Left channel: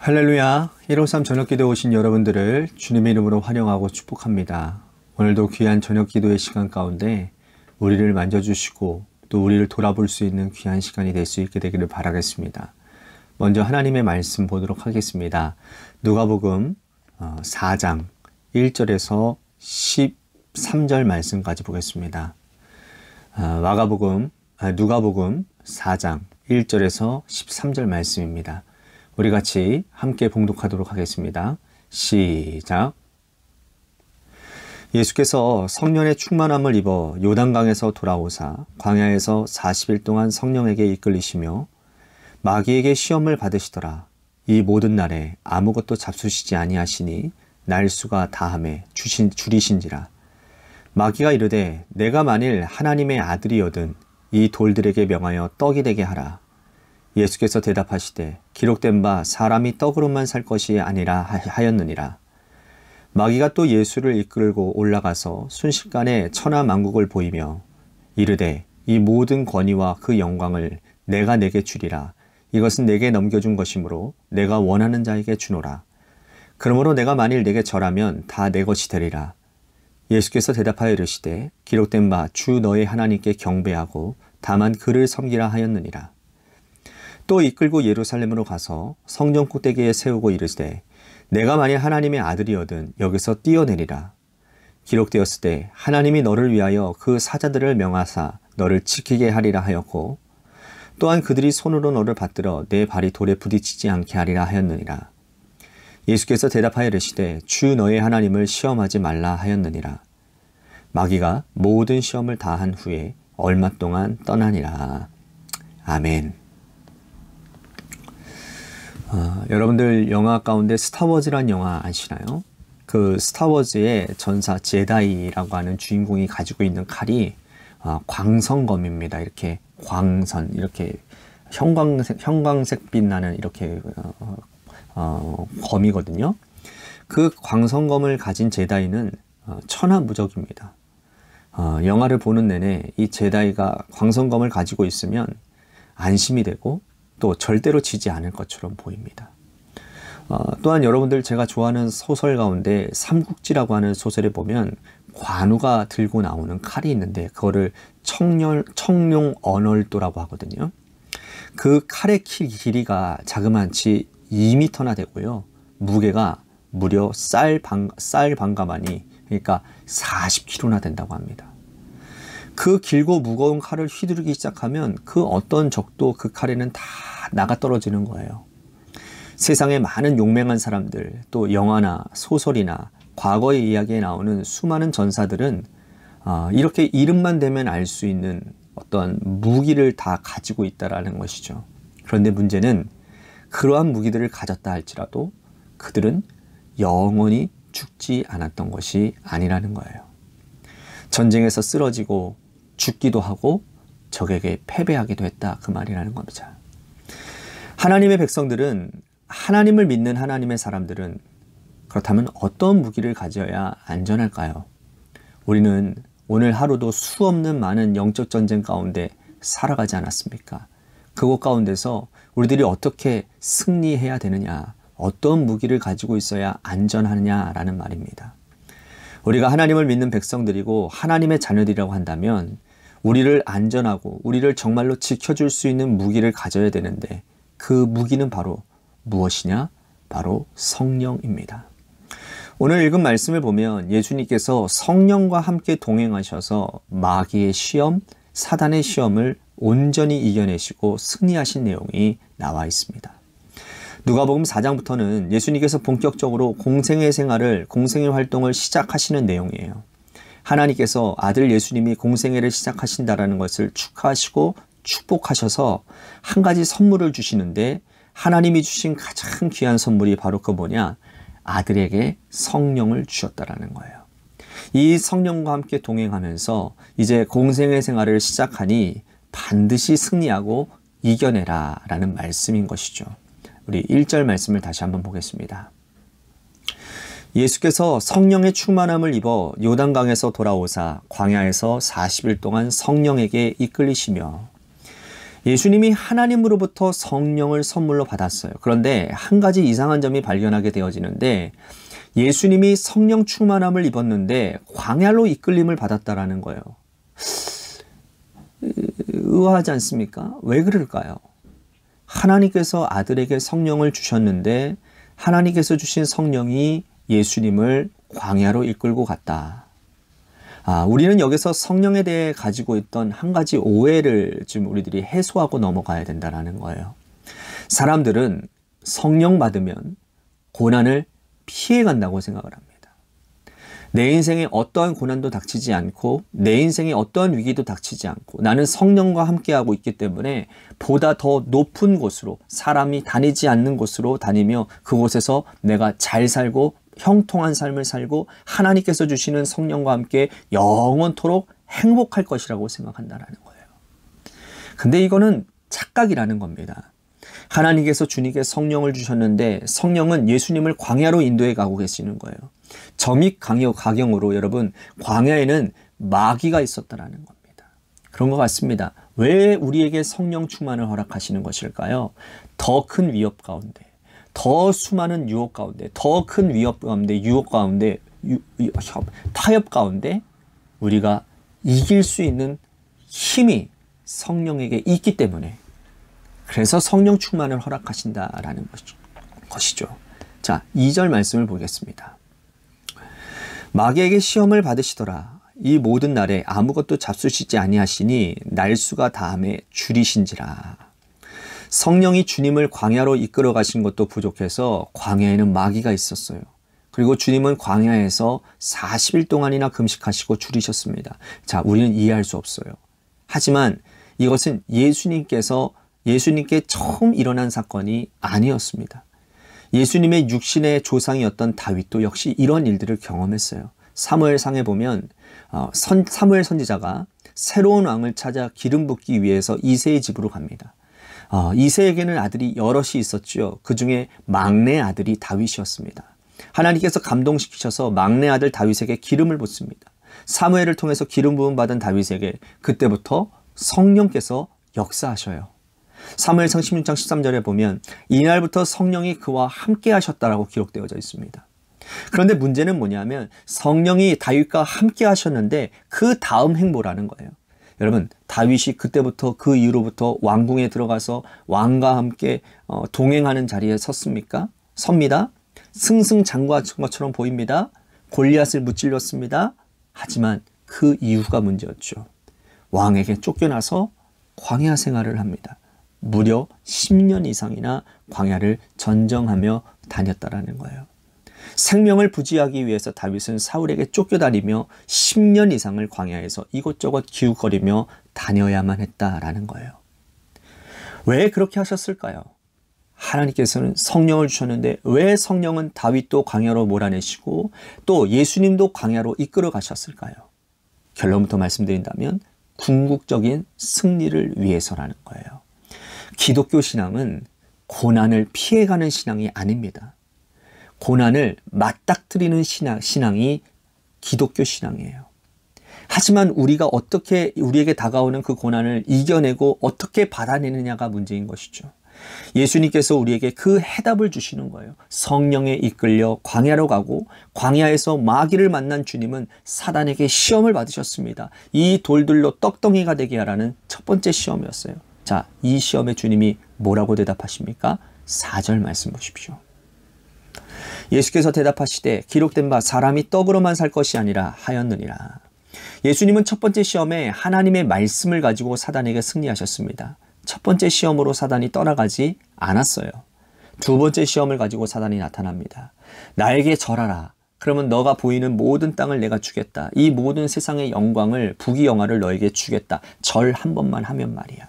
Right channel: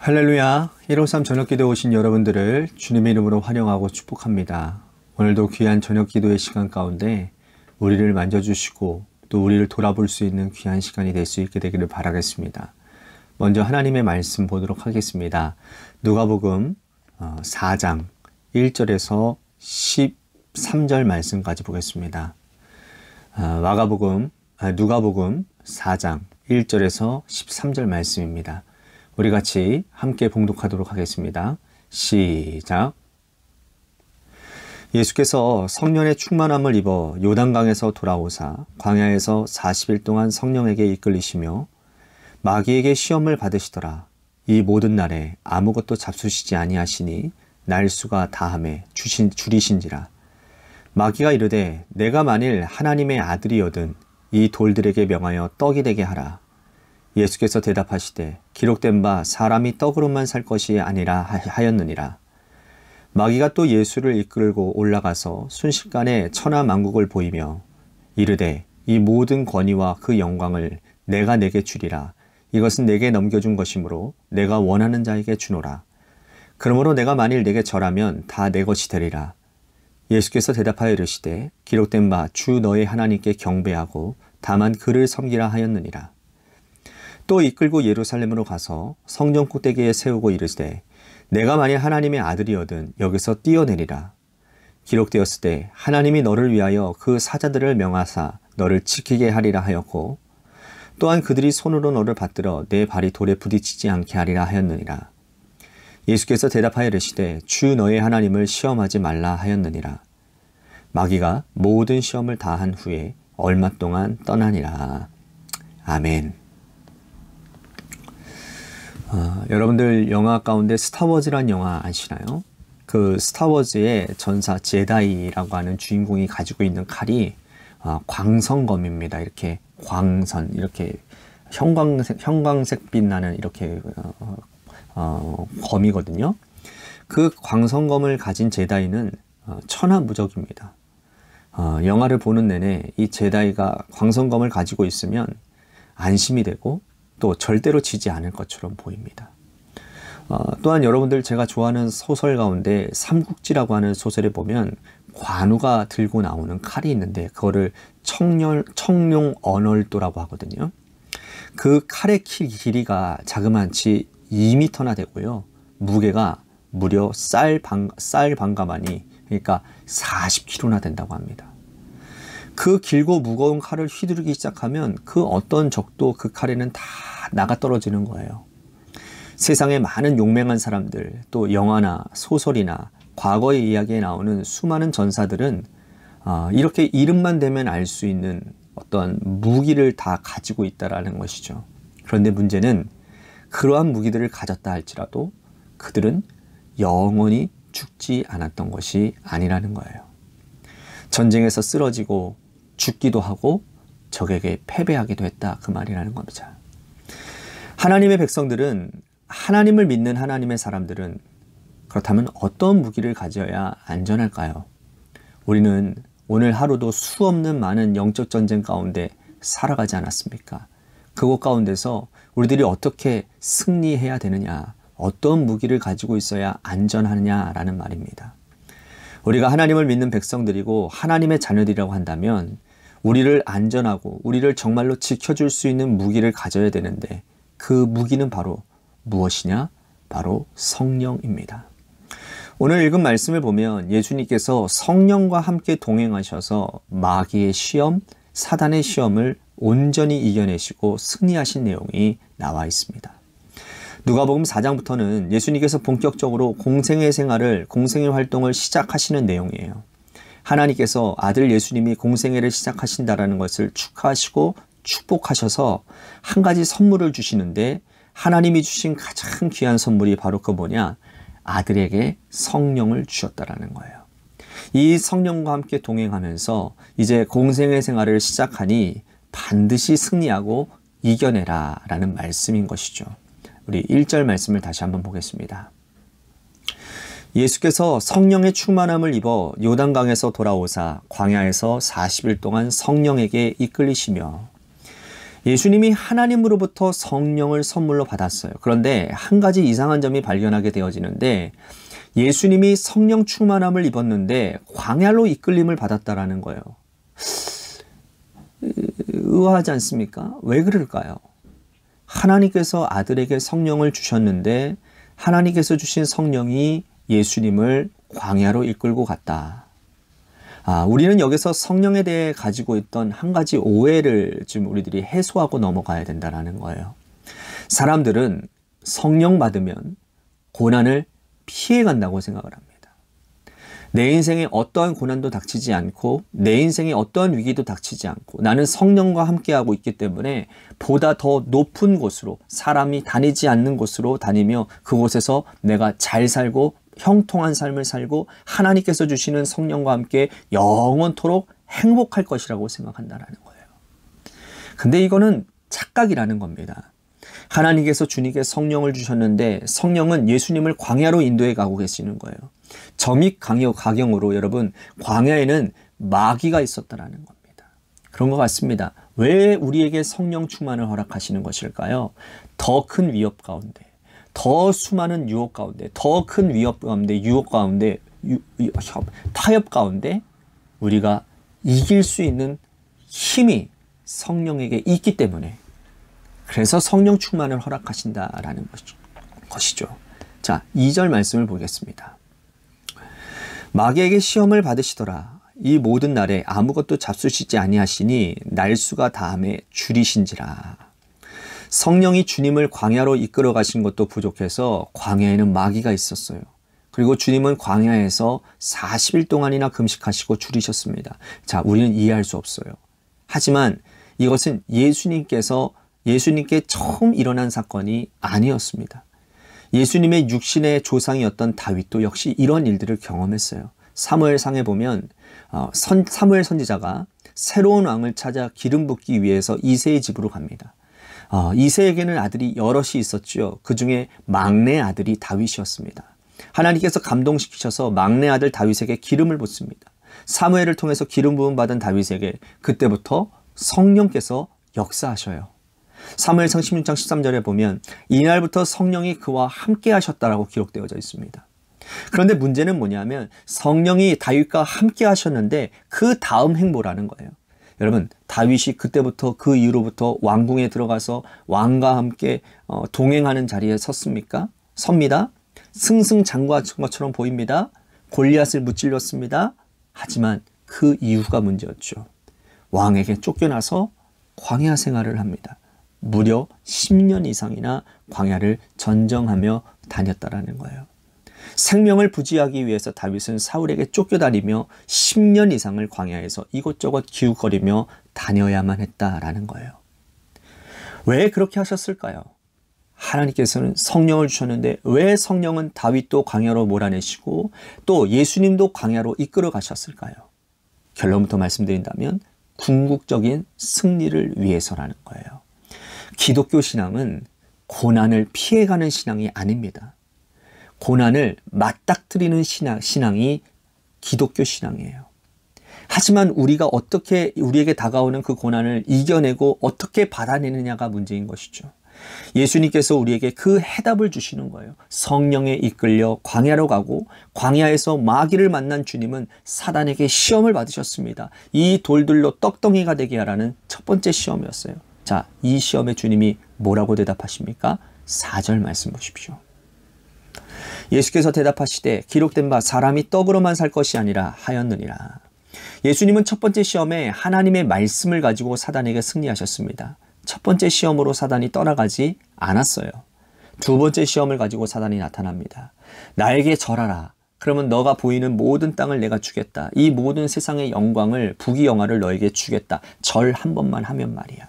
할렐루야. 153 저녁기도에 오신 여러분들을 주님의 이름으로 환영하고 축복합니다. 오늘도 귀한 저녁기도의 시간 가운데 우리를 만져주시고 또 우리를 돌아볼 수 있는 귀한 시간이 될 수 있게 되기를 바라겠습니다. 먼저 하나님의 말씀 보도록 하겠습니다. 누가복음 4장 1절에서 13절 말씀까지 보겠습니다. 누가복음 4장 1절에서 13절 말씀입니다. 우리 같이 함께 봉독하도록 하겠습니다. 시작. 예수께서 성령의 충만함을 입어 요단강에서 돌아오사 광야에서 40일 동안 성령에게 이끌리시며 마귀에게 시험을 받으시더라. 이 모든 날에 아무것도 잡수시지 아니하시니 날수가 다함에 줄이신지라. 마귀가 이르되 내가 만일 하나님의 아들이거든 이 돌들에게 명하여 떡이 되게 하라. 예수께서 대답하시되 기록된 바 사람이 떡으로만 살 것이 아니라 하였느니라. 마귀가 또 예수를 이끌고 올라가서 순식간에 천하만국을 보이며 이르되 이 모든 권위와 그 영광을 내가 내게 주리라. 이것은 내게 넘겨준 것이므로 내가 원하는 자에게 주노라. 그러므로 내가 만일 내게 절하면 다 내 것이 되리라. 예수께서 대답하여 이르시되 기록된 바 주 너의 하나님께 경배하고 다만 그를 섬기라 하였느니라. 또 이끌고 예루살렘으로 가서 성전 꼭대기에 세우고 이르시되 내가 만일 하나님의 아들이거든 여기서 뛰어내리라. 기록되었을 때 하나님이 너를 위하여 그 사자들을 명하사 너를 지키게 하리라 하였고 또한 그들이 손으로 너를 받들어 내 발이 돌에 부딪히지 않게 하리라 하였느니라. 예수께서 대답하여 이르시되 주 너의 하나님을 시험하지 말라 하였느니라. 마귀가 모든 시험을 다 한 후에 얼마 동안 떠나니라. 아멘. 여러분들 영화 가운데 스타워즈란 영화 아시나요? 그 스타워즈의 전사 제다이라고 하는 주인공이 가지고 있는 칼이 광선검입니다. 이렇게 광선, 이렇게 형광색 빛나는 이렇게 검이거든요. 그 광선검을 가진 제다이는 천하무적입니다. 영화를 보는 내내 이 제다이가 광선검을 가지고 있으면 안심이 되고 또 절대로 지지 않을 것처럼 보입니다. 또한 여러분들 제가 좋아하는 소설 가운데 삼국지라고 하는 소설에 보면 관우가 들고 나오는 칼이 있는데 그거를 청룡 언월도라고 하거든요. 그 칼의 길이가 자그마치 2m나 되고요. 무게가 무려 쌀 반가마니 그러니까 40kg나 된다고 합니다. 그 길고 무거운 칼을 휘두르기 시작하면 그 어떤 적도 그 칼에는 다 나가 떨어지는 거예요. 세상에 많은 용맹한 사람들, 또 영화나 소설이나 과거의 이야기에 나오는 수많은 전사들은 이렇게 이름만 대면 알 수 있는 어떤 무기를 다 가지고 있다라는 것이죠. 그런데 문제는 그러한 무기들을 가졌다 할지라도 그들은 영원히 죽지 않았던 것이 아니라는 거예요. 전쟁에서 쓰러지고 죽기도 하고 적에게 패배하기도 했다 그 말이라는 겁니다. 하나님의 백성들은 하나님을 믿는 하나님의 사람들은 그렇다면 어떤 무기를 가져야 안전할까요? 우리는 오늘 하루도 수없는 많은 영적 전쟁 가운데 살아가지 않았습니까? 그곳 가운데서 우리들이 어떻게 승리해야 되느냐, 어떤 무기를 가지고 있어야 안전하느냐라는 말입니다. 우리가 하나님을 믿는 백성들이고 하나님의 자녀들이라고 한다면 우리를 안전하고 우리를 정말로 지켜줄 수 있는 무기를 가져야 되는데 그 무기는 바로 무엇이냐? 바로 성령입니다. 오늘 읽은 말씀을 보면 예수님께서 성령과 함께 동행하셔서 마귀의 시험, 사단의 시험을 온전히 이겨내시고 승리하신 내용이 나와 있습니다. 누가복음 4장부터는 예수님께서 본격적으로 공생의 활동을 시작하시는 내용이에요. 하나님께서 아들 예수님이 공생애를 시작하신다라는 것을 축하하시고 축복하셔서 한 가지 선물을 주시는데 하나님이 주신 가장 귀한 선물이 바로 그 뭐냐? 아들에게 성령을 주셨다라는 거예요. 이 성령과 함께 동행하면서 이제 공생애 생활을 시작하니 반드시 승리하고 이겨내라 라는 말씀인 것이죠. 우리 1절 말씀을 다시 한번 보겠습니다. 예수께서 성령의 충만함을 입어 요단강에서 돌아오사 광야에서 40일 동안 성령에게 이끌리시며 예수님이 하나님으로부터 성령을 선물로 받았어요. 그런데 한 가지 이상한 점이 발견하게 되어지는데 예수님이 성령 충만함을 입었는데 광야로 이끌림을 받았다라는 거예요. 의아하지 않습니까? 왜 그럴까요? 하나님께서 아들에게 성령을 주셨는데 하나님께서 주신 성령이 예수님을 광야로 이끌고 갔다. 우리는 여기서 성령에 대해 가지고 있던 한 가지 오해를 좀 우리들이 해소하고 넘어가야 된다는 거예요. 사람들은 성령 받으면 고난을 피해 간다고 생각을 합니다. 내 인생에 어떠한 고난도 닥치지 않고 내 인생에 어떠한 위기도 닥치지 않고 나는 성령과 함께하고 있기 때문에 보다 더 높은 곳으로 사람이 다니지 않는 곳으로 다니며 그곳에서 내가 잘 살고 형통한 삶을 살고 하나님께서 주시는 성령과 함께 영원토록 행복할 것이라고 생각한다는 거예요. 근데 이거는 착각이라는 겁니다. 하나님께서 주님께 성령을 주셨는데 성령은 예수님을 광야로 인도해 가고 계시는 거예요. 점입 가경으로 여러분 광야에는 마귀가 있었다라는 겁니다. 그런 것 같습니다. 왜 우리에게 성령 충만을 허락하시는 것일까요? 더 큰 위협 가운데 더 수많은 유혹 가운데 더 큰 위협 가운데 유혹 가운데 타협 가운데 우리가 이길 수 있는 힘이 성령에게 있기 때문에 그래서 성령 충만을 허락하신다라는 것이죠. 자, 2절 말씀을 보겠습니다. 마귀에게 시험을 받으시더라. 이 모든 날에 아무것도 잡수시지 아니하시니 날수가 다함에 줄이신지라. 성령이 주님을 광야로 이끌어 가신 것도 부족해서 광야에는 마귀가 있었어요. 그리고 주님은 광야에서 40일 동안이나 금식하시고 줄이셨습니다. 자, 우리는 이해할 수 없어요. 하지만 이것은 예수님께 처음 일어난 사건이 아니었습니다. 예수님의 육신의 조상이었던 다윗도 역시 이런 일들을 경험했어요. 사무엘상에 보면 사무엘 선지자가 새로운 왕을 찾아 기름 붓기 위해서 이새의 집으로 갑니다. 이새에게는 아들이 여럿이 있었죠. 그 중에 막내 아들이 다윗이었습니다. 하나님께서 감동시키셔서 막내 아들 다윗에게 기름을 붓습니다. 사무엘을 통해서 기름 부음 받은 다윗에게 그때부터 성령께서 역사하셔요. 사무엘상 16장 13절에 보면 이날부터 성령이 그와 함께 하셨다라고 기록되어져 있습니다. 그런데 문제는 뭐냐면 성령이 다윗과 함께 하셨는데 그 다음 행보라는 거예요. 여러분, 다윗이 그때부터 그 이후로부터 왕궁에 들어가서 왕과 함께 동행하는 자리에 섭니다. 승승장구한 것처럼 보입니다. 골리앗을 무찔렀습니다. 하지만 그 이유가 문제였죠. 왕에게 쫓겨나서 광야 생활을 합니다. 무려 10년 이상이나 광야를 전정하며 다녔다라는 거예요. 생명을 부지하기 위해서 다윗은 사울에게 쫓겨다니며 10년 이상을 광야에서 이곳저곳 기웃거리며 다녀야만 했다라는 거예요. 왜 그렇게 하셨을까요? 하나님께서는 성령을 주셨는데 왜 성령은 다윗도 광야로 몰아내시고 또 예수님도 광야로 이끌어 가셨을까요? 결론부터 말씀드린다면 궁극적인 승리를 위해서라는 거예요. 기독교 신앙은 고난을 피해가는 신앙이 아닙니다. 고난을 맞닥뜨리는 신앙이 기독교 신앙이에요. 하지만 우리가 어떻게 우리에게 다가오는 그 고난을 이겨내고 어떻게 받아내느냐가 문제인 것이죠. 예수님께서 우리에게 그 해답을 주시는 거예요. 성령에 이끌려 광야로 가고 광야에서 마귀를 만난 주님은 사단에게 시험을 받으셨습니다. 이 돌들로 떡덩이가 되게 하라는 첫 번째 시험이었어요. 자, 이 시험에 주님이 뭐라고 대답하십니까? 4절 말씀 보십시오. 예수께서 대답하시되 기록된 바 사람이 떡으로만 살 것이 아니라 하였느니라. 예수님은 첫 번째 시험에 하나님의 말씀을 가지고 사단에게 승리하셨습니다. 첫 번째 시험으로 사단이 떠나가지 않았어요. 두 번째 시험을 가지고 사단이 나타납니다. 나에게 절하라. 그러면 너가 보이는 모든 땅을 내가 주겠다. 이 모든 세상의 영광을 부귀영화를 너에게 주겠다. 절 한 번만 하면 말이야.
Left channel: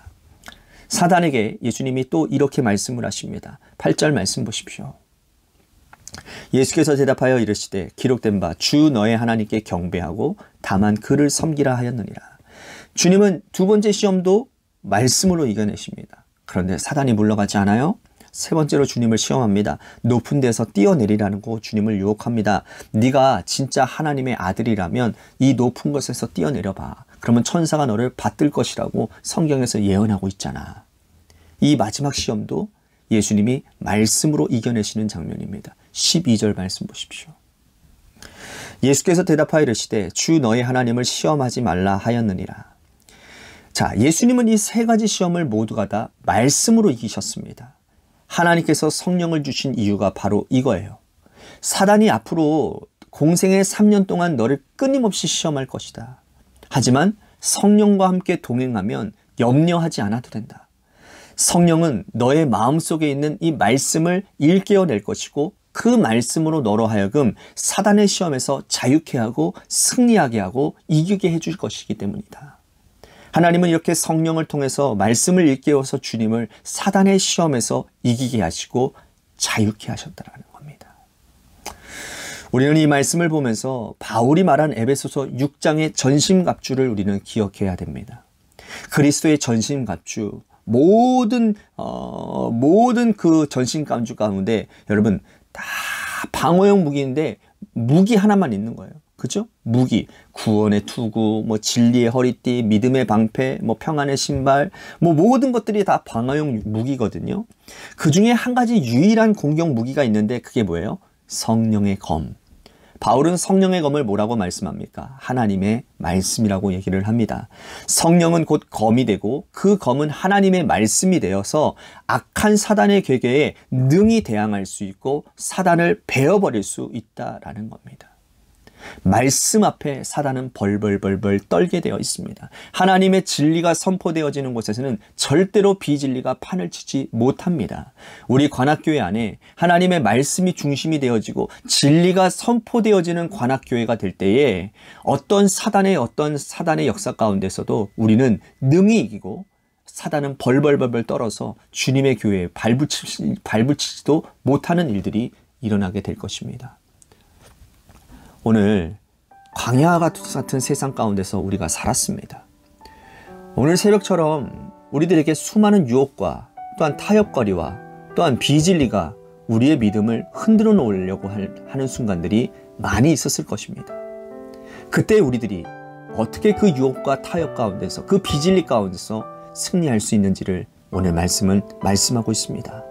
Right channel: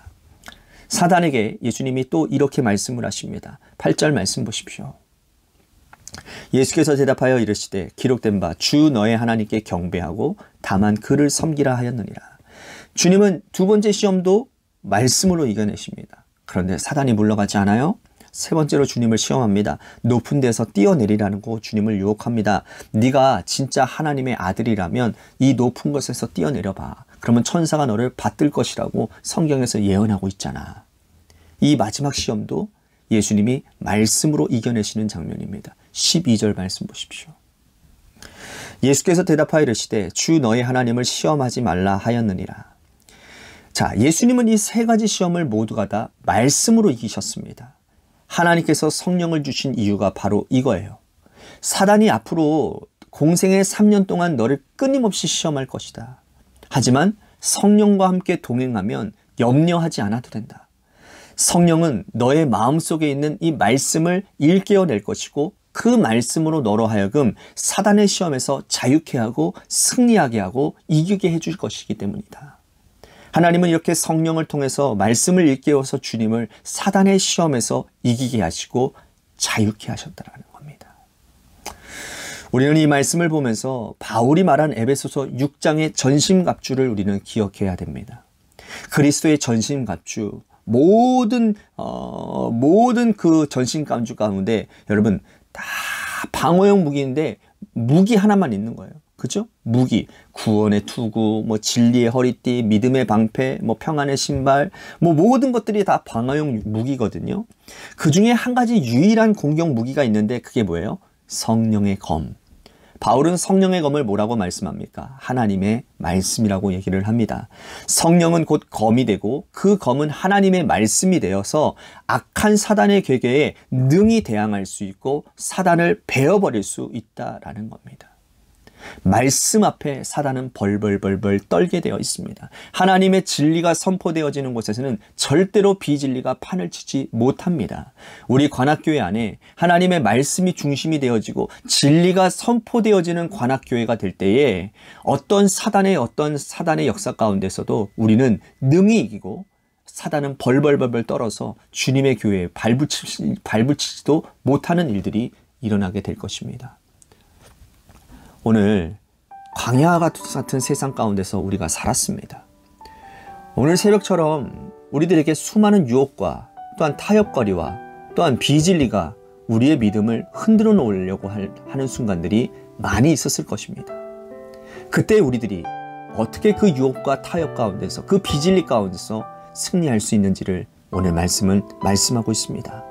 사단에게 예수님이 또 이렇게 말씀을 하십니다. 8절 말씀 보십시오. 예수께서 대답하여 이르시되 기록된 바 주 너의 하나님께 경배하고 다만 그를 섬기라 하였느니라. 주님은 두 번째 시험도 말씀으로 이겨내십니다. 그런데 사단이 물러가지 않아요? 세 번째로 주님을 시험합니다. 높은 데서 뛰어내리라는 거 주님을 유혹합니다. 네가 진짜 하나님의 아들이라면 이 높은 곳에서 뛰어내려봐. 그러면 천사가 너를 받들 것이라고 성경에서 예언하고 있잖아. 이 마지막 시험도 예수님이 말씀으로 이겨내시는 장면입니다. 12절 말씀 보십시오. 예수께서 대답하여 이르시되 주 너희 하나님을 시험하지 말라 하였느니라. 자, 예수님은 이 세 가지 시험을 모두가 다 말씀으로 이기셨습니다. 하나님께서 성령을 주신 이유가 바로 이거예요. 사단이 앞으로 공생의 3년 동안 너를 끊임없이 시험할 것이다. 하지만 성령과 함께 동행하면 염려하지 않아도 된다. 성령은 너의 마음속에 있는 이 말씀을 일깨워낼 것이고 그 말씀으로 너로 하여금 사단의 시험에서 자유케 하고 승리하게 하고 이기게 해줄 것이기 때문이다. 하나님은 이렇게 성령을 통해서 말씀을 일깨워서 주님을 사단의 시험에서 이기게 하시고 자유케 하셨다라는 겁니다. 우리는 이 말씀을 보면서 바울이 말한 에베소서 6장의 전신갑주를 우리는 기억해야 됩니다. 그리스도의 전신갑주, 모든 그 전신갑주 가운데 여러분 다 방어용 무기인데 무기 하나만 있는 거예요. 그죠? 무기, 구원의 투구, 진리의 허리띠, 믿음의 방패, 평안의 신발, 모든 것들이 다 방어용 무기거든요. 그 중에 한 가지 유일한 공격 무기가 있는데 그게 뭐예요? 성령의 검. 바울은 성령의 검을 뭐라고 말씀합니까? 하나님의 말씀이라고 얘기를 합니다. 성령은 곧 검이 되고 그 검은 하나님의 말씀이 되어서 악한 사단의 괴계에 능히 대항할 수 있고 사단을 베어버릴 수 있다라는 겁니다. 말씀 앞에 사단은 벌벌벌벌 떨게 되어 있습니다. 하나님의 진리가 선포되어지는 곳에서는 절대로 비진리가 판을 치지 못합니다. 우리 관악교회 안에 하나님의 말씀이 중심이 되어지고 진리가 선포되어지는 관악교회가 될 때에 어떤 사단의 역사 가운데서도 우리는 능히 이기고 사단은 벌벌벌벌 떨어서 주님의 교회에 발붙이지도 못하는 일들이 일어나게 될 것입니다. 오늘 광야 같은 세상 가운데서 우리가 살았습니다. 오늘 새벽처럼 우리들에게 수많은 유혹과 또한 타협거리와 또한 비진리가 우리의 믿음을 흔들어 놓으려고 하는 순간들이 많이 있었을 것입니다. 그때 우리들이 어떻게 그 유혹과 타협 가운데서 그 비진리 가운데서 승리할 수 있는지를 오늘 말씀은 말씀하고 있습니다.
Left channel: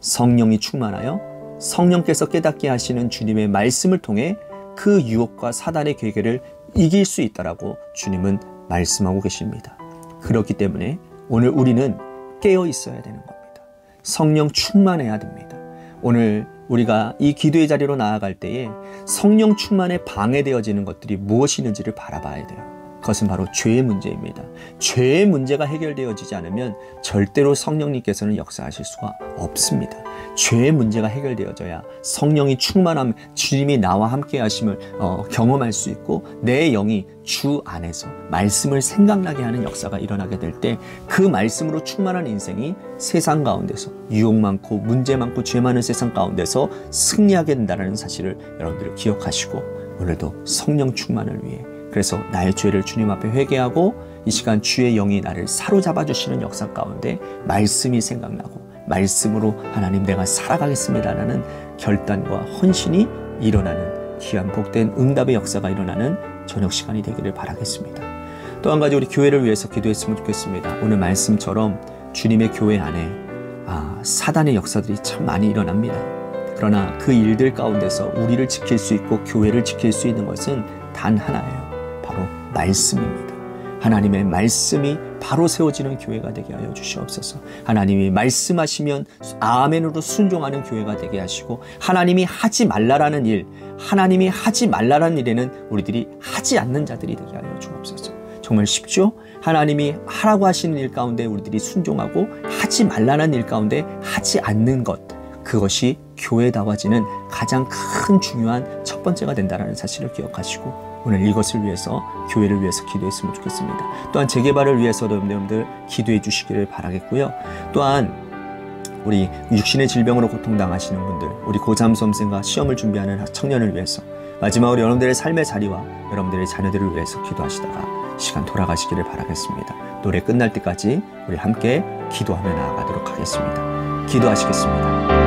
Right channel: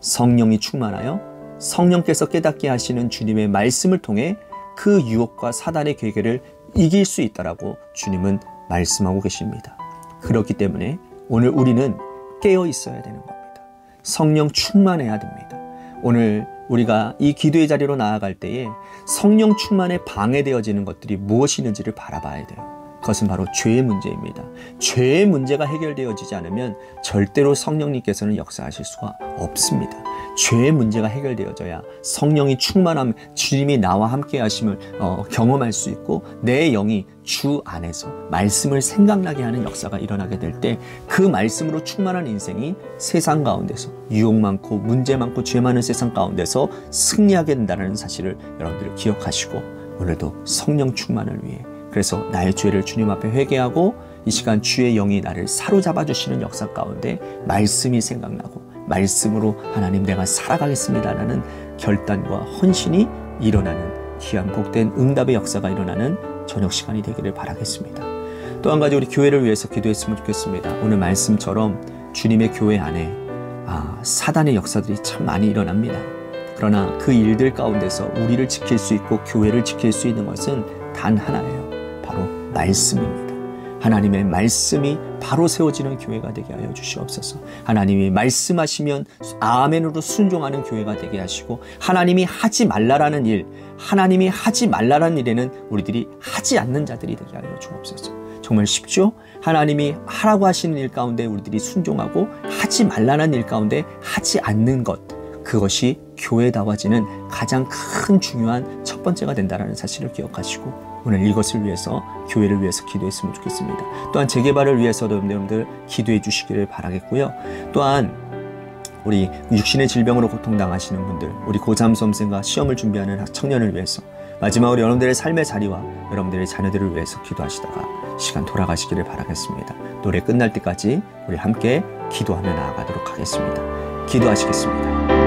성령이 충만하여 성령께서 깨닫게 하시는 주님의 말씀을 통해 그 유혹과 사단의 괴계를 이길 수 있다라고 주님은 말씀하고 계십니다. 그렇기 때문에 오늘 우리는 깨어 있어야 되는 겁니다. 성령 충만해야 됩니다. 오늘 우리가 이 기도의 자리로 나아갈 때에 성령 충만에 방해되어지는 것들이 무엇이 있는지를 바라봐야 돼요. 그것은 바로 죄의 문제입니다. 죄의 문제가 해결되어지지 않으면 절대로 성령님께서는 역사하실 수가 없습니다. 죄의 문제가 해결되어져야 성령이 충만함, 주님이 나와 함께 하심을 경험할 수 있고 내 영이 주 안에서 말씀을 생각나게 하는 역사가 일어나게 될 때 그 말씀으로 충만한 인생이 세상 가운데서 유혹 많고 문제 많고 죄 많은 세상 가운데서 승리하게 된다는 사실을 여러분들이 기억하시고 오늘도 성령 충만을 위해 그래서 나의 죄를 주님 앞에 회개하고 이 시간 주의 영이 나를 사로잡아 주시는 역사 가운데 말씀이 생각나고 말씀으로 하나님 내가 살아가겠습니다라는 결단과 헌신이 일어나는 귀한 복된 응답의 역사가 일어나는 저녁 시간이 되기를 바라겠습니다. 또 한 가지 우리 교회를 위해서 기도했으면 좋겠습니다. 오늘 말씀처럼 주님의 교회 안에 사단의 역사들이 참 많이 일어납니다. 그러나 그 일들 가운데서 우리를 지킬 수 있고 교회를 지킬 수 있는 것은 단 하나예요. 바로 말씀입니다. 하나님의 말씀이 바로 세워지는 교회가 되게 하여 주시옵소서. 하나님이 말씀하시면 아멘으로 순종하는 교회가 되게 하시고 하나님이 하지 말라라는 일, 하나님이 하지 말라라는 일에는 우리들이 하지 않는 자들이 되게 하여 주옵소서. 정말 쉽죠? 하나님이 하라고 하시는 일 가운데 우리들이 순종하고 하지 말라는 일 가운데 하지 않는 것, 그것이 교회다워지는 가장 큰 중요한 첫 번째가 된다는 사실을 기억하시고 오늘 이것을 위해서 교회를 위해서 기도했으면 좋겠습니다. 또한 재개발을 위해서도 여러분들 기도해 주시기를 바라겠고요. 또한 우리 육신의 질병으로 고통당하시는 분들, 우리 고3 수험생과 시험을 준비하는 청년을 위해서 마지막으로 여러분들의 삶의 자리와 여러분들의 자녀들을 위해서 기도하시다가 시간 돌아가시기를 바라겠습니다. 노래 끝날 때까지 우리 함께 기도하며 나아가도록 하겠습니다. 기도하시겠습니다.